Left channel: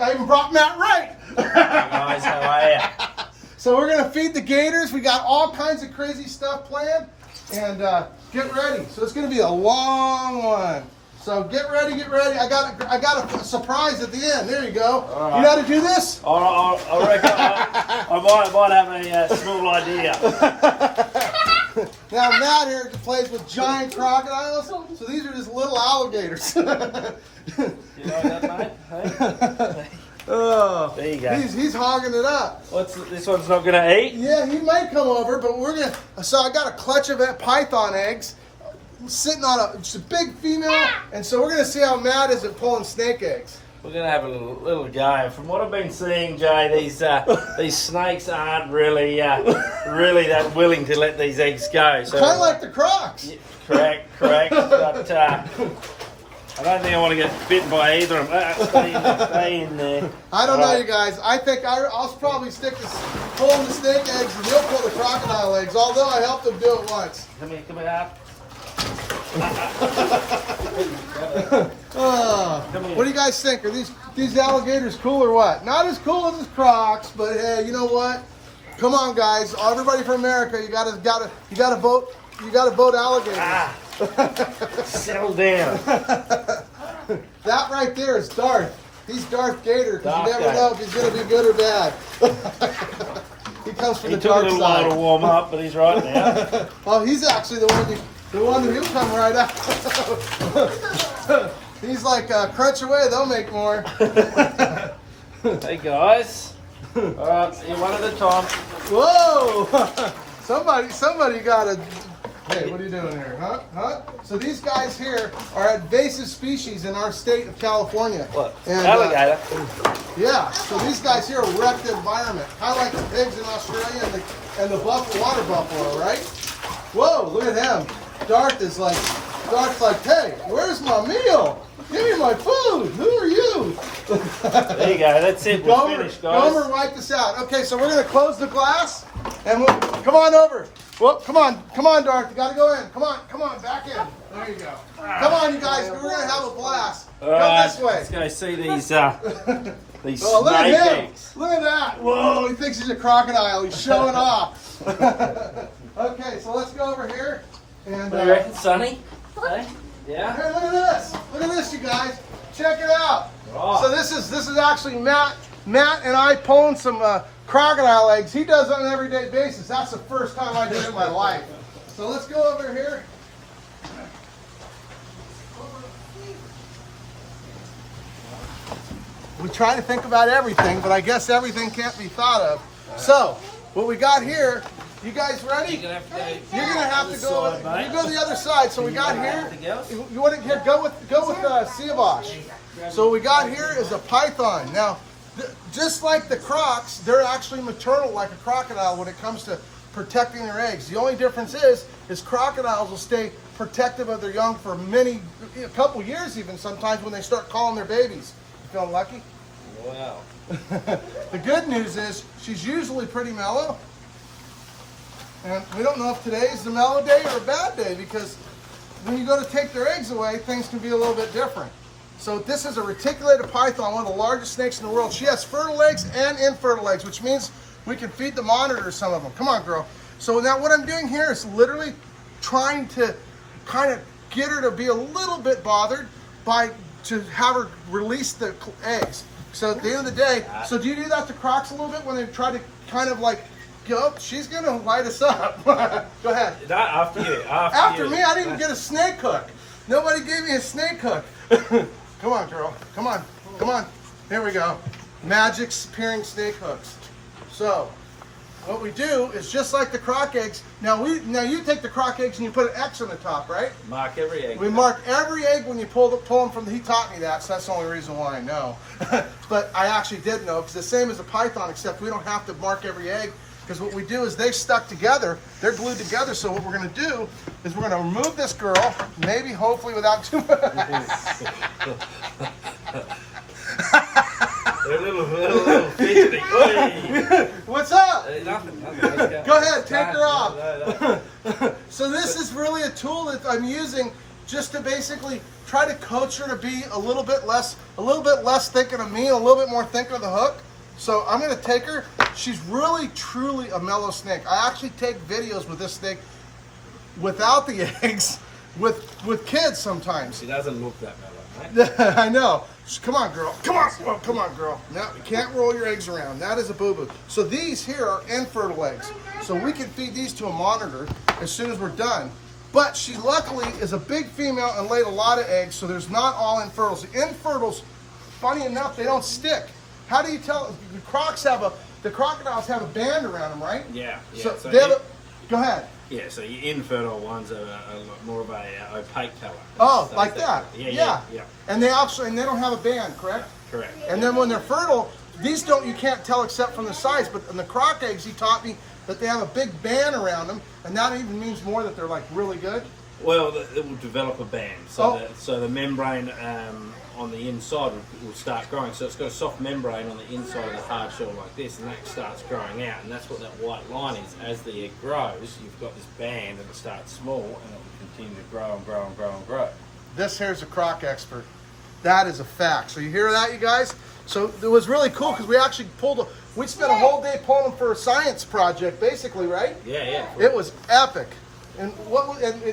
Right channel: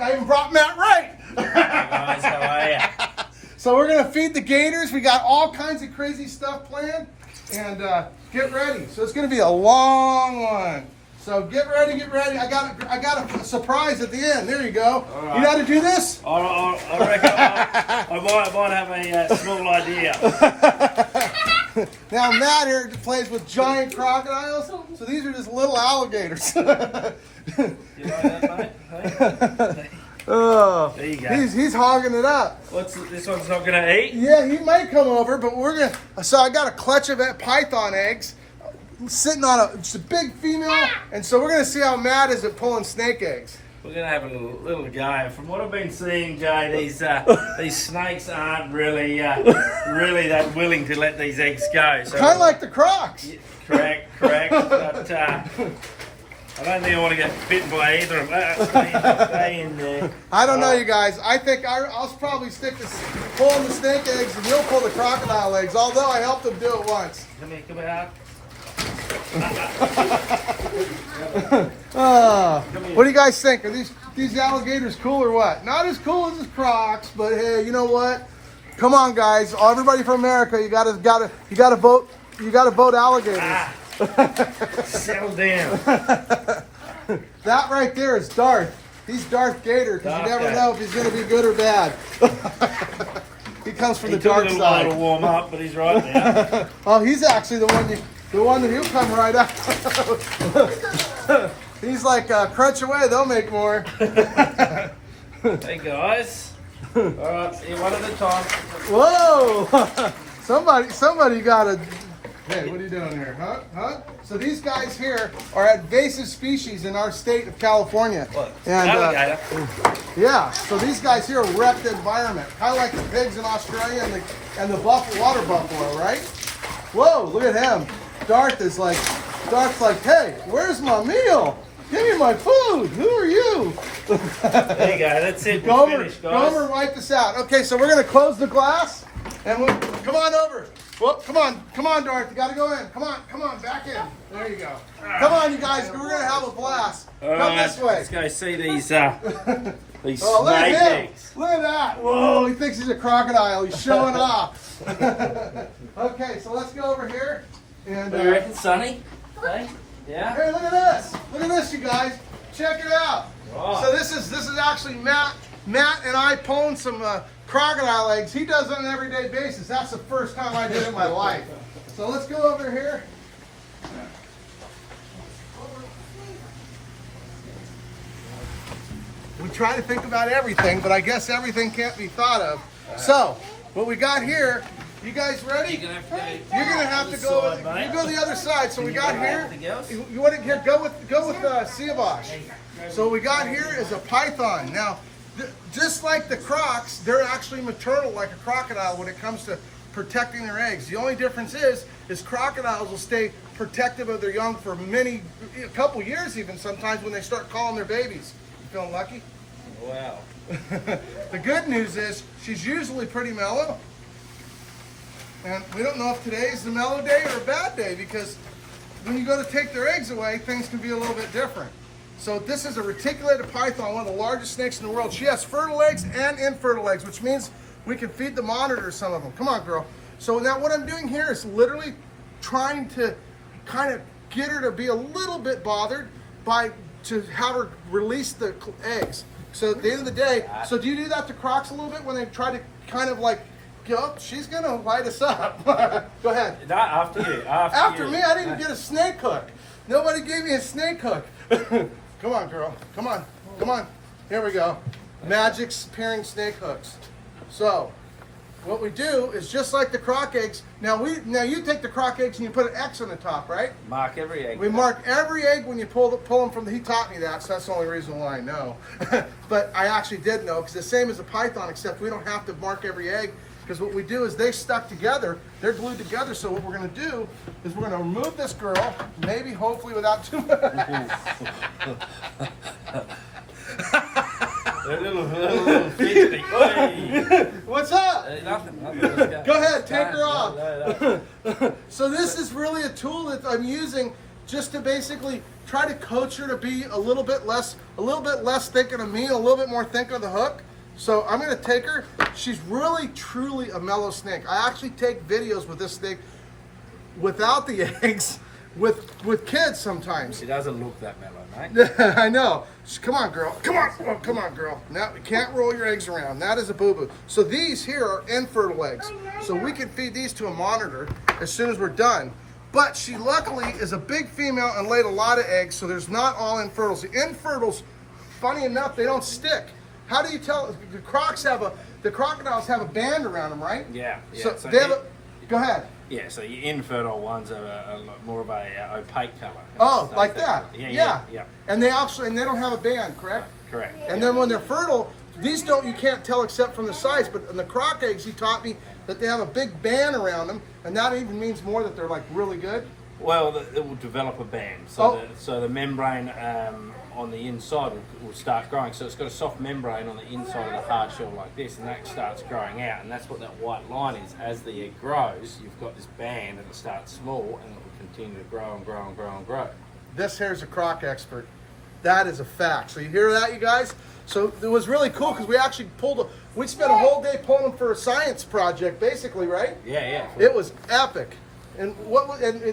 look, I even brought Matt Wright. Hey guys, how are you? So we're gonna feed the gators. We got all kinds of crazy stuff planned, and get ready. So it's gonna be a long one. So get ready, get ready. I got a surprise at the end. There you go. Right. You know how to do this? I reckon I might have a small idea. Now Matt here plays with giant crocodiles. So these are just little alligators. You like that, mate? Hey? Oh, there you go. He's hogging it up. This one's not gonna eat? Yeah, he might come over, but we're gonna. So I got a clutch of python eggs sitting on it's a big female, and so we're gonna see how Matt is at pulling snake eggs. We're gonna have a little go. From what I've been seeing, Jay, these snakes aren't really that willing to let these eggs go. So, kind of like the Crocs. Yeah, correct. But I don't think I want to get bitten by either of them. Stay in there. I don't know, you guys. I think I'll probably stick to pulling the snake eggs, and he'll pull the crocodile eggs. Although I helped him do it once. Come here. What do you guys think? Are these alligators cool or what? Not as cool as the Crocs, but hey, you know what? Come on, guys! Everybody from America, you gotta vote. You gotta vote alligators. Settle down. That right there is Darth. He's Darth Gator, because you never know if he's gonna be good or bad. He comes from the dark side. He took a little while to warm up, but he's right now. Oh, he's actually the one that he'll come right out. He's like, crunch away, they'll make more. Hey guys. All right, see one at a time. Whoa! Somebody got a. Hey, what are you doing here, huh? So these guys here are invasive species in our state of California. Look, and alligator. yeah, so these guys here wreck the environment, kind of like the pigs in Australia and the water buffalo, right? Whoa, look at him. Darth's like, hey, where's my meal? Give me my food. Who are you? There you go. That's it. We're finished, guys. Gomer, wipe this out. Okay, so we're gonna close the glass, and come on over. Well, come on, Darth. You gotta go in. Come on, back in. There you go. Come on, you guys. We're gonna have a blast. Come this way. Let's go see these these look snake at him. eggs. Look at that. Whoa, he thinks he's a crocodile. He's showing off. Okay, so let's go over here. And, What do you reckon, Sonny? Hey? Yeah? Hey, look at this. Look at this, you guys. Check it out. Oh. So this is actually Matt and I pulling some crocodile eggs. He does it on an everyday basis. That's the first time I did it in my life. So let's go over here. We try to think about everything, but I guess everything can't be thought of. So, what we got here, you guys ready? You're gonna have to go. You go to the other side. So we got here. You want to go with Siavash. So what we got here is a python. Now, just like the Crocs, they're actually maternal, like a crocodile, when it comes to protecting their eggs. The only difference is crocodiles will stay protective of their young for a couple years, even sometimes when they start calling their babies. You feeling lucky? Wow. The good news is she's usually pretty mellow. And we don't know if today's the mellow day or a bad day, because when you go to take their eggs away, things can be a little bit different. So this is a reticulated python, one of the largest snakes in the world. She has fertile eggs and infertile eggs, which means we can feed the monitor some of them. Come on, girl. So now what I'm doing here is literally trying to kind of get her to be a little bit bothered to have her release the eggs. So at the end of the day, so do you do that to Crocs a little bit when they try to kind of like, go, she's gonna light us up. Go ahead. Not after you. After me, I didn't get a snake hook. Nobody gave me a snake hook. Come on, girl. Come on. Here we go. Magic spearing snake hooks. So, what we do is just like the Croc eggs. Now you take the Croc eggs and you put an X on the top, right? Mark every egg. We mark every egg when you pull them from. He taught me that, so that's the only reason why I know. But I actually did know, because the same as a python, except we don't have to mark every egg. Because what we do is they stuck together, they're glued together. So what we're going to do is we're going to remove this girl, maybe, hopefully, without too much. They're a little fidgety. What's up? Nothing. Go ahead, take her off. So this is really a tool that I'm using just to basically try to coach her to be a little bit less thinking of me, a little bit more thinking of the hook. So I'm gonna take her. She's really, truly a mellow snake. I actually take videos with this snake without the eggs, with kids sometimes. She doesn't look that mellow, right? I know. Come on, girl. Come on. Oh, come on, girl. Now you can't roll your eggs around. That is a boo-boo. So these here are infertile eggs. So we can feed these to a monitor as soon as we're done. But she luckily is a big female and laid a lot of eggs, so there's not all infertiles. The infertiles, funny enough, they don't stick. How do you tell? The crocodiles have a band around them, right? Yeah. So they have go ahead. Yeah, so your infertile ones are a lot more of a opaque color. Oh, like that? Yeah. And they don't have a band, correct? Correct. And then when they're fertile, these you can't tell except from the size, but in the croc eggs, he taught me that they have a big band around them, and that even means more that they're like really good. Well, it will develop a band. So the membrane on the inside will start growing. So it's got a soft membrane on the inside of the hard shell like this, and that starts growing out, and that's what that white line is. As the egg grows, you've got this band, and it starts small, and it will continue to grow and grow and grow and grow. This here's a croc expert. That is a fact. So you hear that, you guys? So it was really cool because we actually we spent a whole day pulling them for a science project, basically, right? Yeah. It was epic. And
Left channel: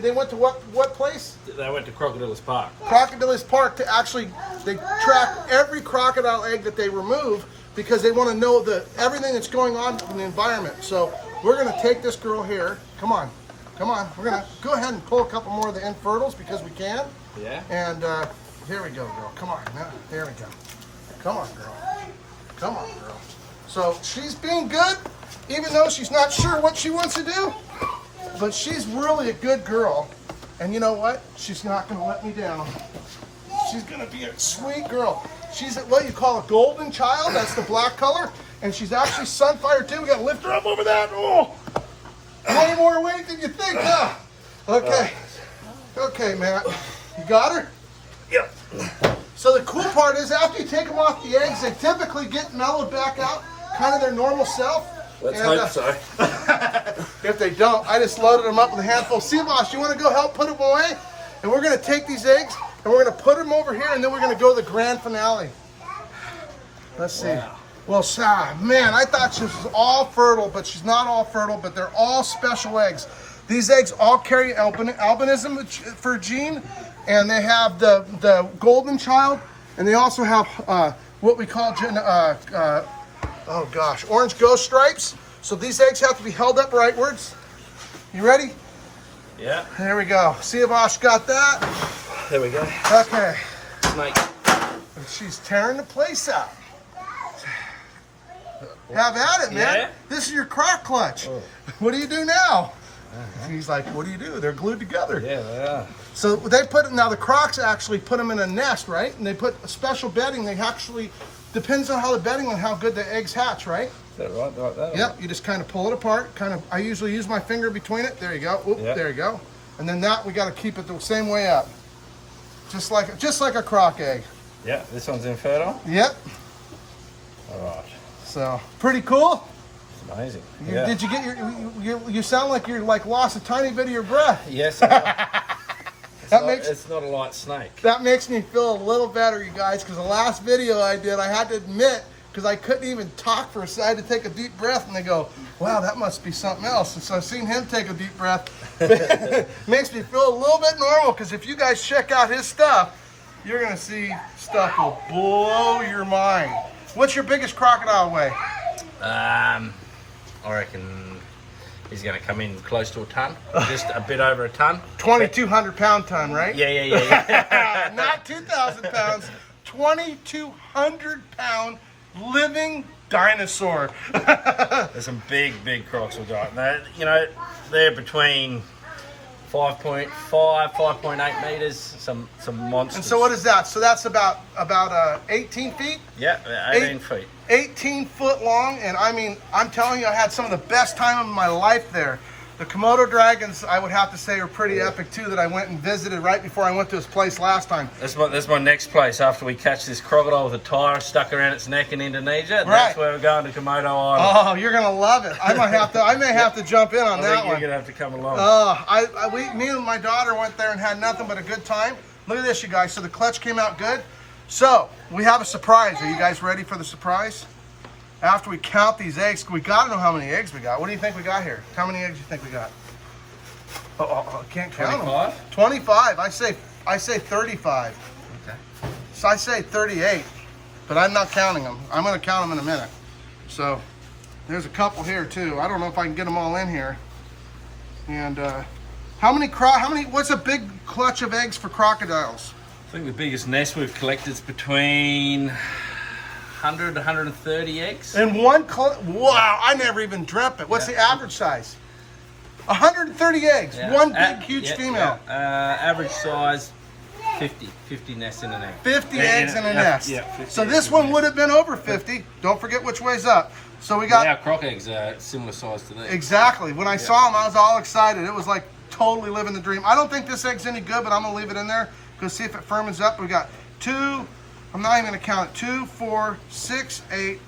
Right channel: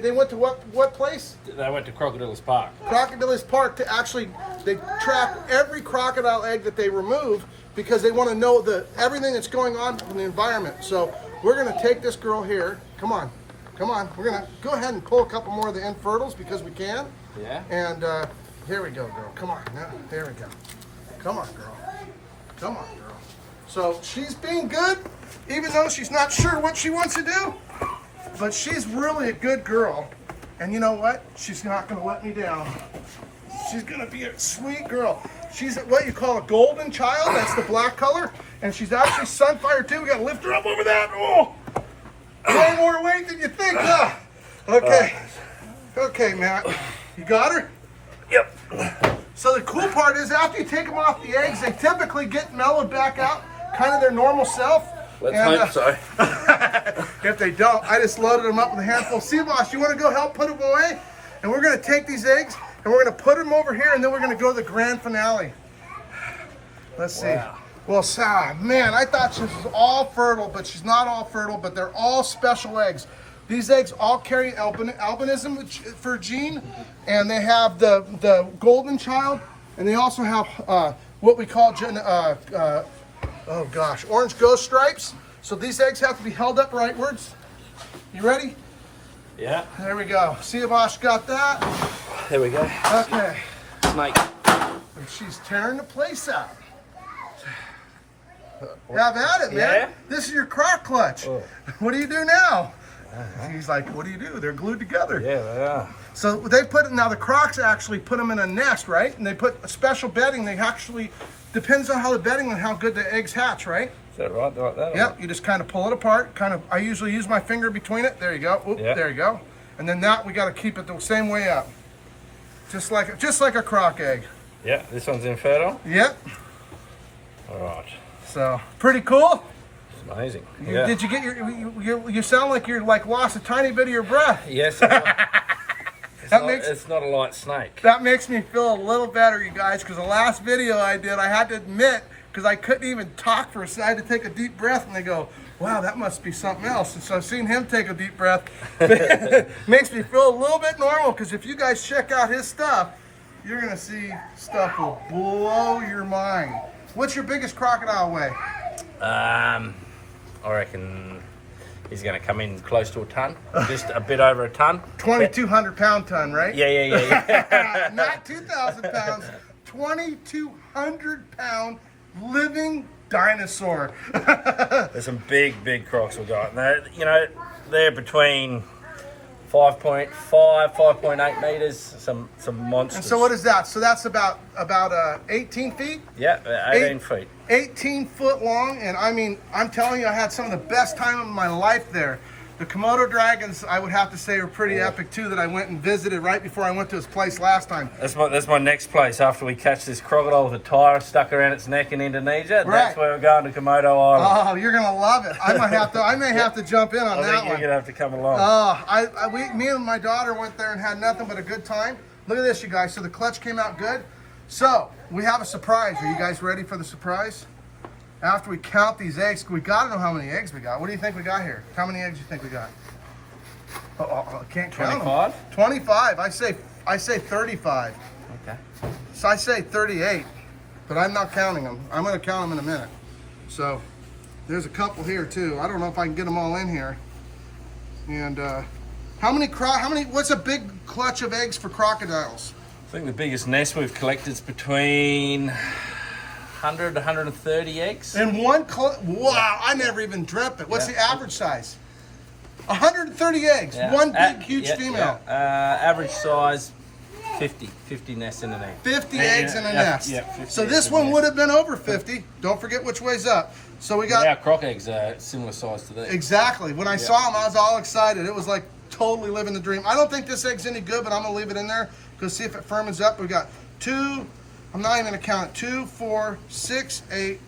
they went to what place? They went to Crocodile's Park. Crocodile's Park they track every crocodile egg that they remove because they want to know everything that's going on in the environment. So we're gonna take this girl here. Come on. We're gonna go ahead and pull a couple more of the infertiles because we can. Yeah. And here we go, girl. Come on. Now, there we go. Come on, girl. So she's being good, even though she's not sure what she wants to do. But she's really a good girl. And you know what? She's not going to let me down. She's going to be a sweet girl. She's what you call a golden child. That's the black color. And she's actually sunfire too. We got to lift her up over that. Oh, way more weight than you think, huh? Okay. Okay, Matt. You got her? Yep. So the cool part is after you take them off the eggs, they typically get mellowed back out, kind of their normal self. Let's hope so. If they don't, I just loaded them up with a handful. Seaboss, you want to go help put them away? And we're going to take these eggs and we're going to put them over here, and then we're going to go to the grand finale. Let's see. Wow. Well, man, I thought she was all fertile, but she's not all fertile, but they're all special eggs. These eggs all carry albinism for a gene, and they have the golden child, and they also have what we call orange ghost stripes. So these eggs have to be held up rightwards. You ready? Yeah. There we go. See if Osh got that. There we go. Okay. Snake. She's tearing the place out. Have at it, man. Yeah? This is your croc clutch. Oh. What do you do now? He's like, what do you do? They're glued together. Yeah, they are. So they now the crocs actually put them in a nest, right? And they put a special bedding. They actually, depends on how the bedding and how good the eggs hatch, right? Is that right? Like that? Yep, you just kind of pull it apart. I usually use my finger between it. There you go. Oop, yep. There you go. And then we got to keep it the same way up. Just like a croc egg. Yeah, this one's infertile? Yep. All right. So, pretty cool. It's amazing. Did you get you sound like you're lost a tiny bit of your breath. Yes. It's not a light snake. That makes me feel a little better, you guys, because the last video I did, I had to admit, because I couldn't even talk for a second, I had to take a deep breath, and they go, wow, that must be something else. And so seeing him take a deep breath makes me feel a little bit normal, because if you guys check out his stuff, you're going to see stuff will blow your mind. What's your biggest crocodile weigh? I reckon he's going to come in close to a ton, just a bit over a ton. 2,200 pound ton, right? Yeah. Not 2,000 pounds, 2,200 pound living dinosaur. There's some big crocs we got. They're between 5.5, 5.8 meters, some monsters. And so what is that? So that's about 18 feet? Yeah, 18 feet. 18 foot long, and I mean, I'm telling you, I had some of the best time of my life there. The Komodo dragons, I would have to say, are pretty epic too, that I went and visited right before I went to his place last time. That's my next place after we catch this crocodile with a tire stuck around its neck in Indonesia. Right. That's where we're going, to Komodo Island. Oh, you're gonna love it. I may have to jump in on I that think one. you're gonna have to come along. Me and my daughter went there and had nothing but a good time. Look at this, you guys. So the clutch came out good. So we have a surprise. Are you guys ready for the surprise? After we count these eggs, we gotta know how many eggs we got. What do you think we got here? How many eggs do you think we got? I can't count 25? them. 25. I say 35. Okay. So I say 38, but I'm not counting them. I'm gonna count them in a minute. So there's a couple here too. I don't know if I can get them all in here. And what's a big clutch of eggs for crocodiles? I think the biggest nest we've collected is between 100 to 130 eggs. And wow, I never even dreamt it. What's the average size? 130 eggs, one big, huge female. Average size, 50 nests in an egg. 50 eggs in a nest. Yeah, 50 so this one would have been over 50. Don't forget which way's up. So we got... Our croc eggs are similar size to these. Exactly. When I saw them, I was all excited. It was like totally living the dream. I don't think this egg's any good, but I'm going to leave it in there. Go see if it firmens up. We got 2, I'm not even going to count it, 2, 4, 6, 8,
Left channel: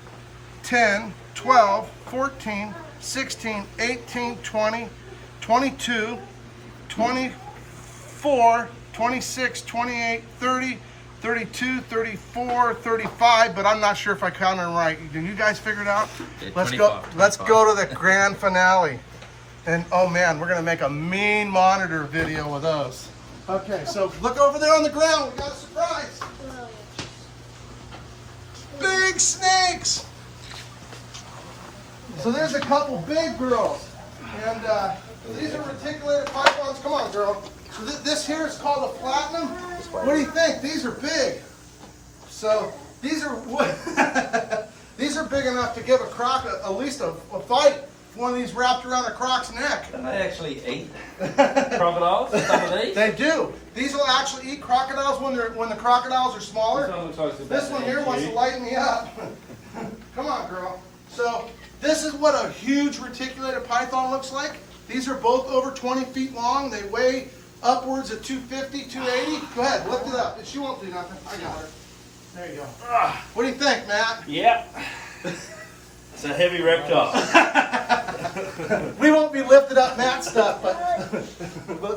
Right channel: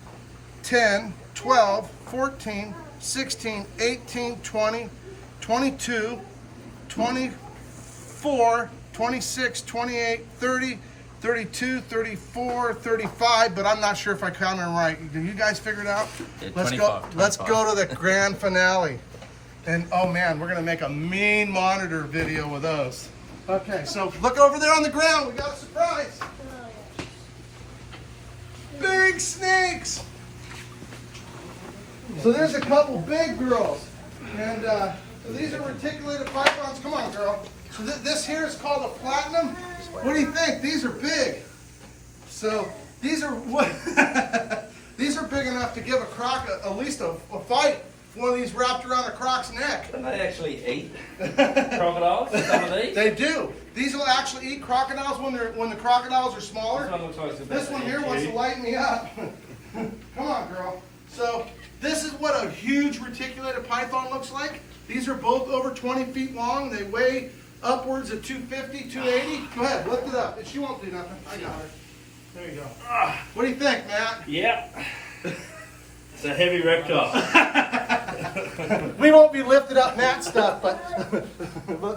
10, 12, 14, 16, 18, 20, 22, 24, 26, 28, 30, 32, 34, 35, but I'm not sure if I counted them right. Do you guys figure it out? Yeah, Let's 25. Let's go to the grand finale. And oh man, we're gonna make a mean monitor video with those. Okay, so look over there on the ground. We got a surprise. Big snakes. So there's a couple big girls, and so these are reticulated pythons. Come on, girl. So this here is called a platinum. What do you think? These are big. So these are these are big enough to give a croc at least a fight. One of these wrapped around a croc's neck. Can they actually eat crocodiles? Some of these? They do. These will actually eat crocodiles when the crocodiles are smaller. This one here wants to light me up. Come on, girl. So this is what a huge reticulated python looks like. These are both over 20 feet long. They weigh upwards of 250, 280. Go ahead, lift it up. She won't do nothing. I got her. There you go. What do you think, Matt? Yeah. It's a heavy reptile. We won't be lifted up Matt stuff, but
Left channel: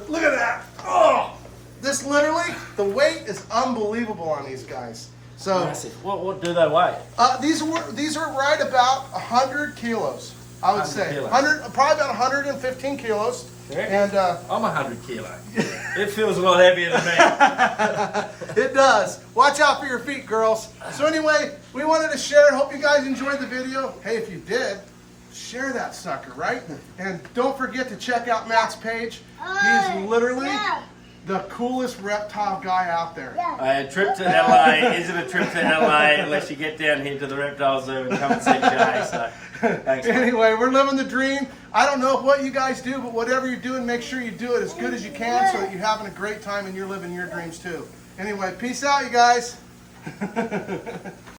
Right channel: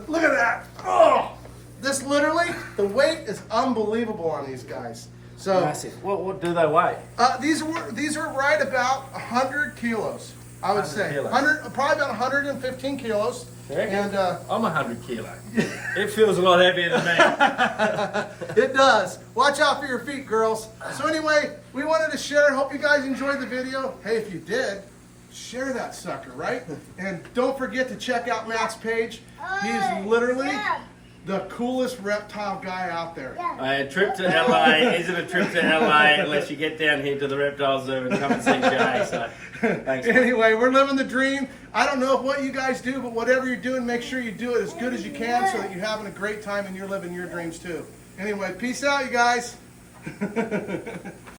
look at that. Oh, this literally, the weight is unbelievable on these guys. So massive. What do they weigh? These are right about 100 kilos. I would say 100, probably about 115 kilos. And I'm 100 kilo. It feels a lot heavier than me. It does. Watch out for your feet, girls. So anyway, we wanted to share. Hope you guys enjoyed the video. Hey, if you did, share that sucker, right? And don't forget to check out Matt's page. He's literally the coolest reptile guy out there. A trip to LA isn't a trip to LA unless you get down here to the reptile zoo and come and see Jay. So thanks. Anyway, we're living the dream. I don't know what you guys do, but whatever you're doing, make sure you do it as good as you can so that you're having a great time and you're living your dreams too. Anyway, peace out, you guys.